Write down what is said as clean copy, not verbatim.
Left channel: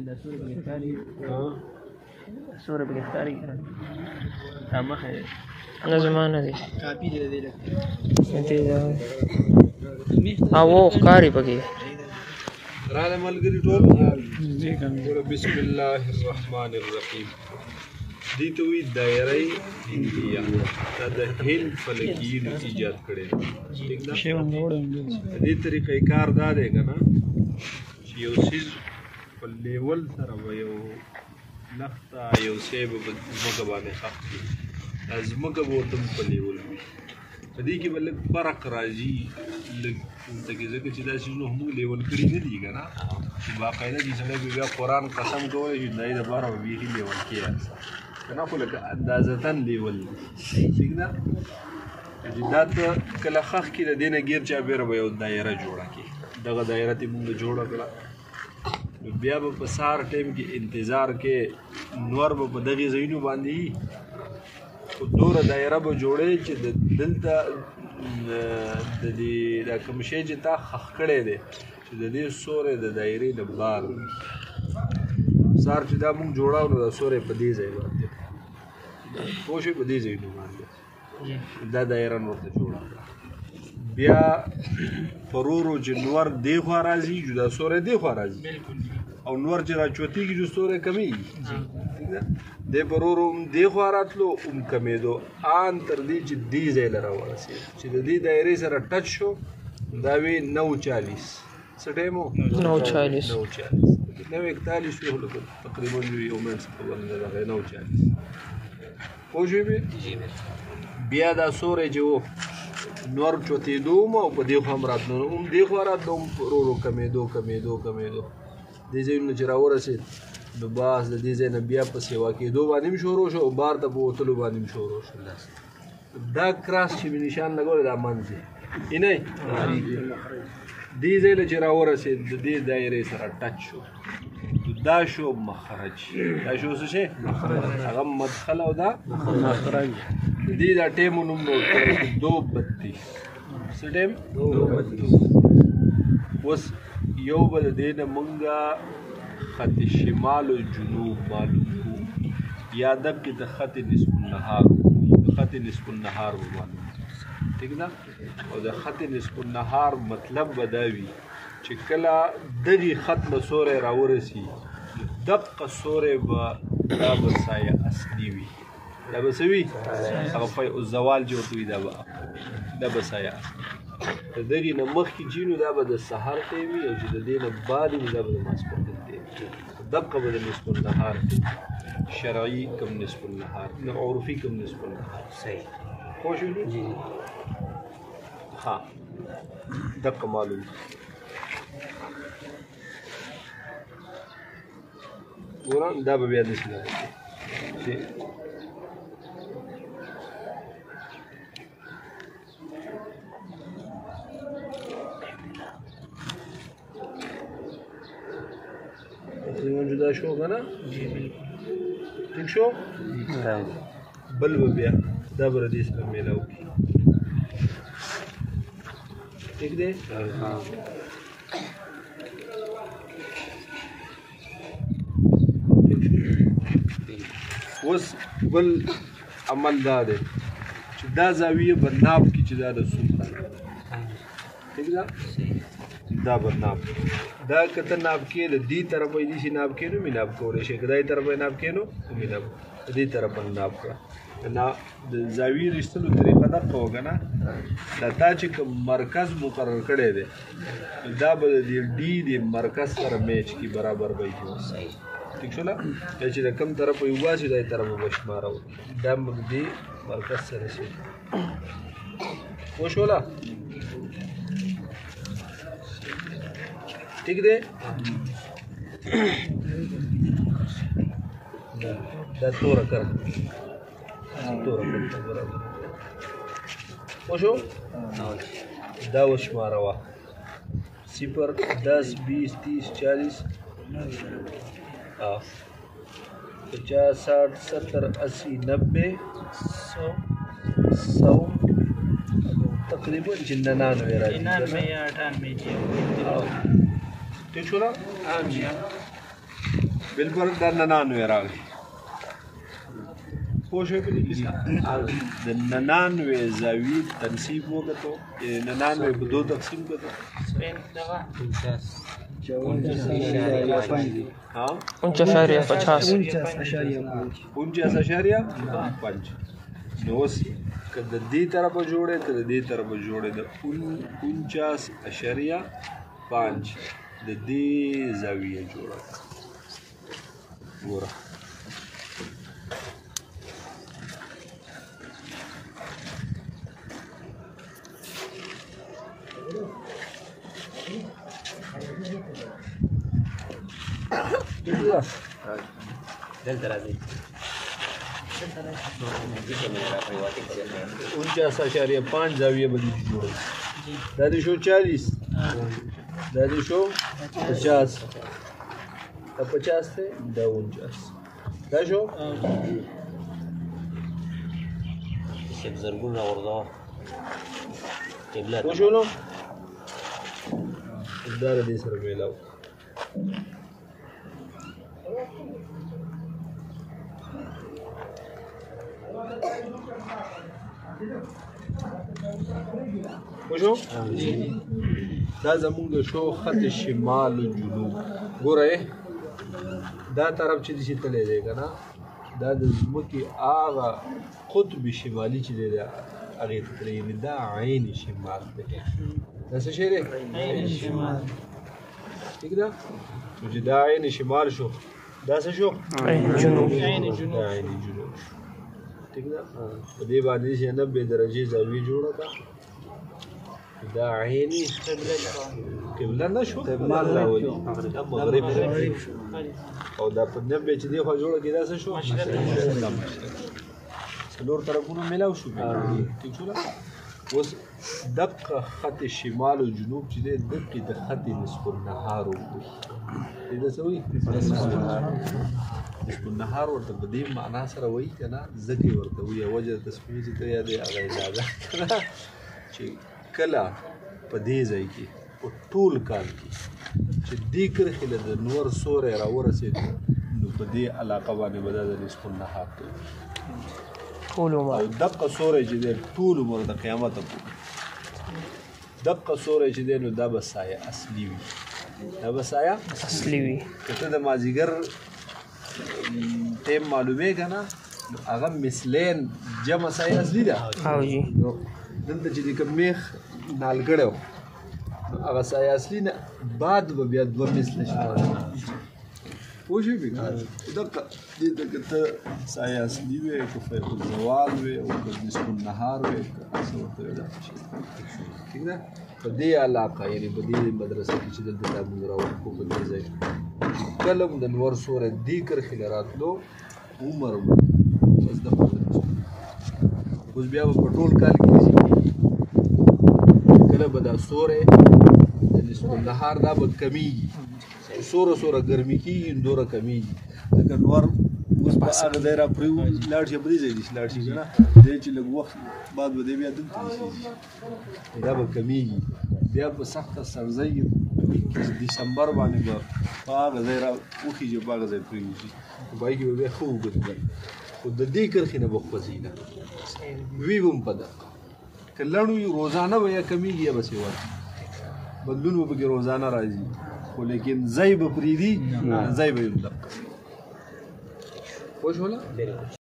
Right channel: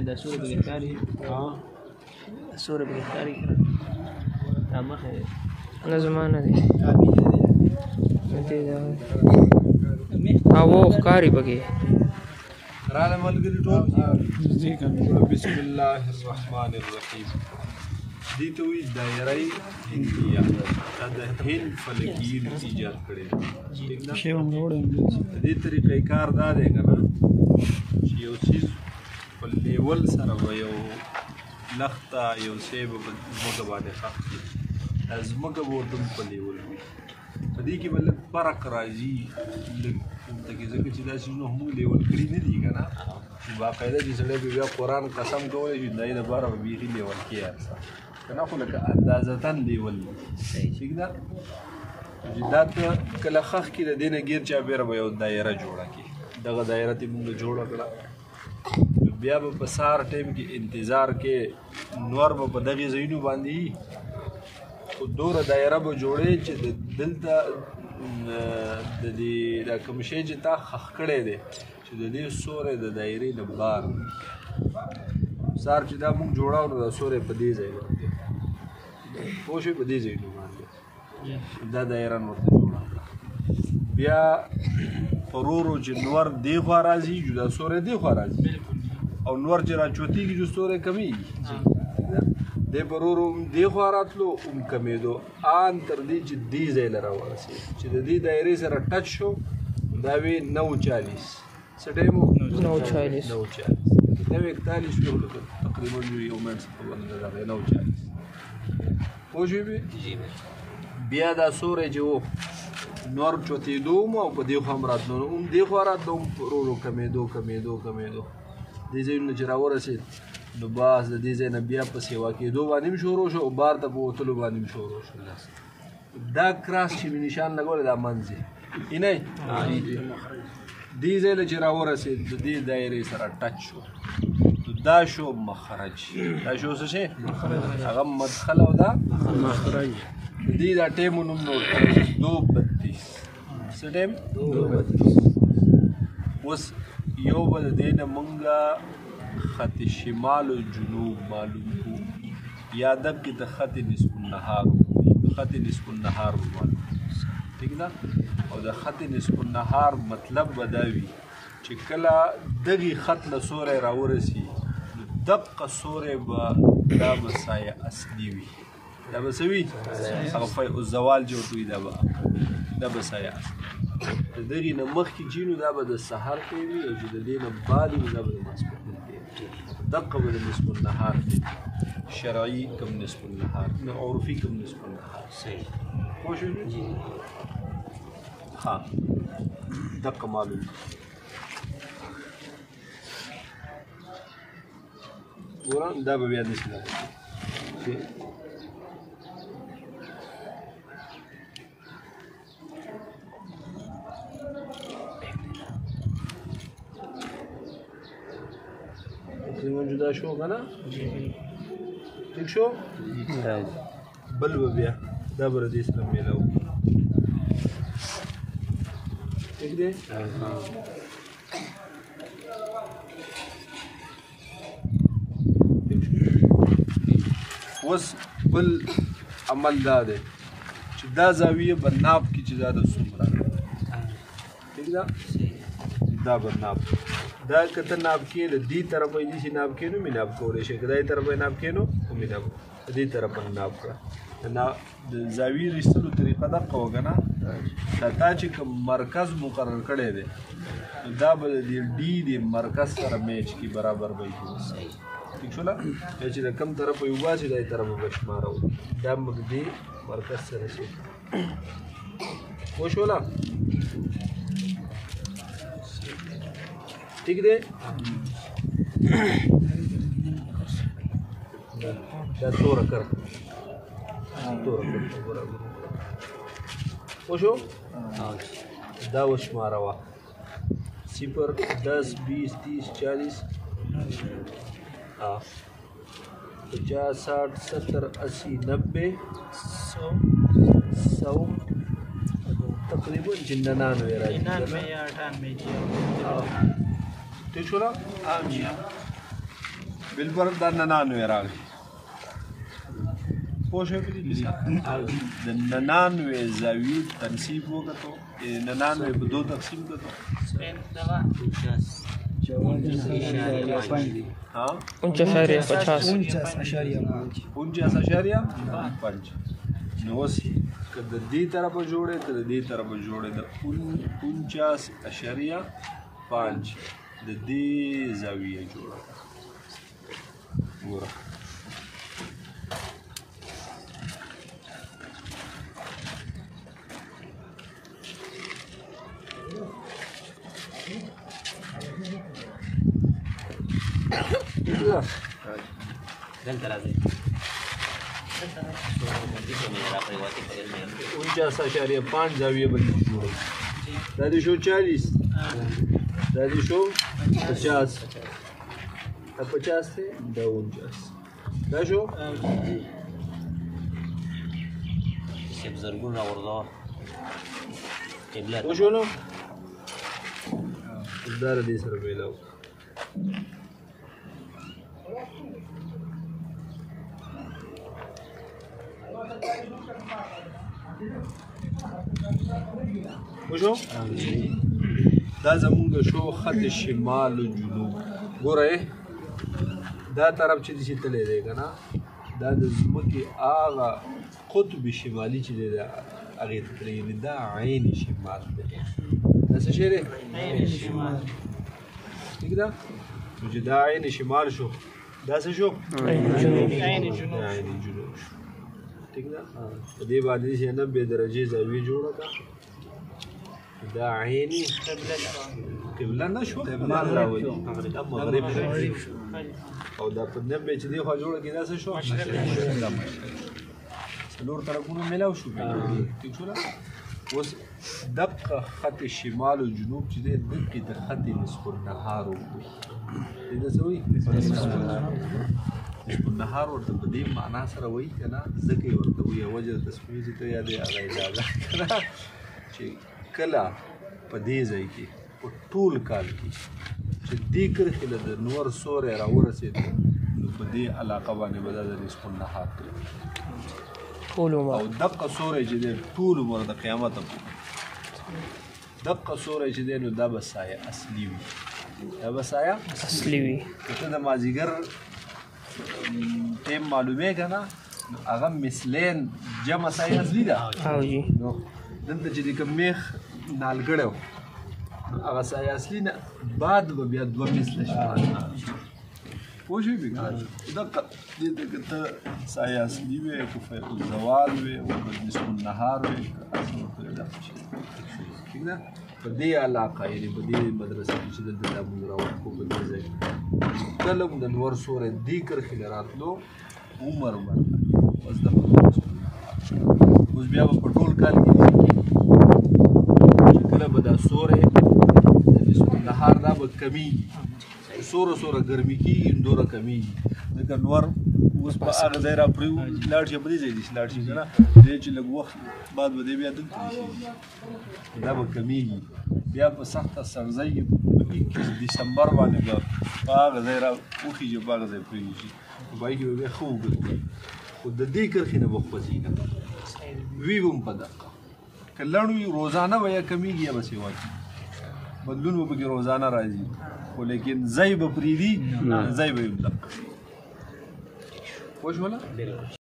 دا سورة بګښکاري سورة بګښکاري دا مخه نه زما نه دی کاپی دی دې دا او ښکاري پکې راله ملګری ټول بسم الله الرحمن الرحیم دې ته وی دایره هندیه دا د هند فلکیین ایجاد کړي ٹھیک ده دې طریقې کار دا دی کنه چې یو چیز په لیول سره یو لخته یو شی په ځمکه باندې ښخ کړي ځمکه به ورته په لیول وي په دې کې به لږ فرق راځي لږ ځکه چې دا څیزونه موږ لیول کړي نه دي که نه باقاعده چې سړی به بیا قرآن قسم کولی شي د هغې دپاره به بیخي لیول کېږي که نه خو لکه اندازتن لیول دي ټیک ده چې دا ته کله ښخ کړي د دې نه ګیر چاپېره به یو دایره جوړه کړي دغه دایره ته موږ جوړه کړه بیا به په سهار ټایم کې انتظار کې نور به په دغې ځایونو باندې وي خو دوره دایره به جوړې چې دلته د دې دا کوم شی چې تا ښخ کړی دی چې د دې سوری د دایرې نه بار وي سهار چې دا موږ جوړاو نو دا سوری په دې ځای باندې پوه شوې په دې ځایونو باندې دا دایره نور ته جوړه کړه بیا ورو ورو چې نور دې خوا راځي جدا سوری دې خوا راځي او نور چې راچوتېږي جو سوری کمیږي دې په ورو ورو دې خوا راتلو کمېدو ان تر دې چې دې ځای له راورسېد چې د دې دایرې سره ټچ شو دا وی 9:40 څه ټایم و 9:40 9:41 تقریبا یو منټ خبر نه ده 9:40 پوه شوې بیا دا سوری چې و نور چوتېدو او په دې خوا هم راتلو دې خوا راتلو ورو ورو کمېدو دې ځایونه چې راورسېد نو باز د دې ځای نه بیا په سیوا کېدو باندې هم شروع شو او بار ته په وتلو باندې هم شروع شو دا کراس چې مې نشان لګولی دا منځ یې نه دې ځای له چې راورسېد د دې دایرې سره ټچ شو دا شو مخرج دا شو څه شی هغه مدخل او دا مخرج دې دا ټایمو نوم نوټ کړی 2:32 څه ټایم 2:32 اوس یو به د دې نه مونږه خط شمال و جنوب معلوم کو یا دقیق د خط نصف النهار خط نصف النهار و معلوم ٹھیک ده او د خط نصف النهار مطلب به دا وي چې کله دغې خط له سوری راورسي دقه سوری به دا به سایه اصلي وي دا به څه وي هغه فیء الزوال چې ورته وي دا به سایه اصلي د دغې نه مخکې چې نو دا به د سهار ټایم وي او چې د دې نه بعد وي دا به د ماسپښین ټایم دقه به د نصف النهار شرعي کم نصف النهار نه عرفي کم نصف النهار صحیح پوه شوې ها دقه معلوم ګورم دا به بیا داسې نه تقریبا جدا شو که نه ٹھیک شو بل به بیا دا به ردې سره میلاو کړي ٹھیک دی اوس بل عمل دا دی چې دا زاویه به ناب کړي چې دا د څومره ٹھیک ده دا به ناب دا که ته ناب کې د دې طرفه یې داسې ناب کې نو مې ناب کولی شي که دا طرفه یې ناب کې نو مې ناب د دې طرفه ناب کړه د زاویې د ایستلو طریقه دقه وکړه نه دا تا چې کوم مرکز مقرر کړی دی دا به د دې ډي د مرکز سره میچ کي برابر به یې ٹھیک شو نه چې د کوم طرفه یې وباسي دا طرفه به شماره وکړي دا موږ دې مرکز سره شي پوه شوله ٹھیک دی دا توره کړه توره کړه برابر پوه شو دا وشماره وه 0 10 20 30 40 50 60 70 80 90 100 تقریبا 99 راځي 99 یا 98 ٹھیک شو نا بالبر دا 99 راغی پوه شوې په دې کیسه د 99 زاویې تنصیب وکړو 99 په 2 تقسیم کړو 49.5 نو اوس که د دې طرفه جوړې که د دې طرفه جوړې د 49.5 د دې زاویې جوړه ګوره دلته راځي 49.5 زاویه باندې جوړه دا دې شو 40 دا دې شو 50 دا 50 ته دا 49 دا شو سب زرګون راوردا قبله شو نو دا دې سره ویلاو وشو دا زمونږ شو خط شمال و جنوب ګوره دا طرف چې دې تللی دی که نه دا د ځمکې هغه قطب شمالي چې دی هغې ته تللی یعنې دا عین شمال دی دا څه شی دی عین شمال ټیک ده نو چې دا عین شمال شو دا څه شو عین جنوب دا عین جنوب شو ٹھیک ده په دې باندې چې 90 درجې زاویه جوړه کړه دا عیني قبله نه شو مغرب او دا په 90 چې دی خو جوړه کې دا څه شو څلور طرفونه ملاو شو ٹھیک شو اوس دقه خط شمال او جنوب چې دی دقه د خط نصف النهار وکړو دا څه وایي النهار ورته په دې معنا سره وایي که نه ځکه یې ورته وایي وجه تصفیې چې ته یادې هغه اجازه چې کله په دې ځای کې په ټول کال کې چې دې کرښې له د نور سوری راورسېدو نو په دې علاقه باندې به دا د نصف النهار کوي او دقه سوری چې دی ټول عمر د قیامته پورې دقه سوری چې دی نو دا به سایه اصلي وي دا به سایه اصلي وي که ته د مازدیګر ټیم معلومې که نه هغه مثلین جمع سایه اصلي ده نو دلته چې د کوم میخ نالګړی و هغه سایه اصلي نه بعد به بیا دوه مثله شي پوه شوې دقه دې ته که ته سایه اصلي وې که فیق الزوال وې او که نصف النهار وې ټیک ده په دې علاقه یعنې په دې مدرسه کې چې دلته دا مونږ راوړو په دې ځای کې کله هم د نور سوری دې کرښې له راتلو عمر به اوس دغه اوس بیا به په ټول کال کې کله به دا سوری د نصف النهار دا به کمیږي سوره ګرمي کېږي دوره کمیږي ځکه نور اوس په هغه ځای را پرې لاړ شي په دې ځای دې لاړ شي که نه دی چې لږ وخت بعد به دی بیا دلته ایسېږي دا به کمیږي بیا په سخته سرځی ډسمبر باندې به په هغه ځای را وخېږي په هغه ځای پرېږدي په هغې کې به بیا ښه وګرځي خو د دې کرښې نه به خوځي نه وي به هم په دقه که لڼ وي روزانه به یا کمیږي یا به سیوا بدلون به پکې روزانه راځي خو لیکن ځای به پرېږدي ځای به یې هم دقه پوه شوله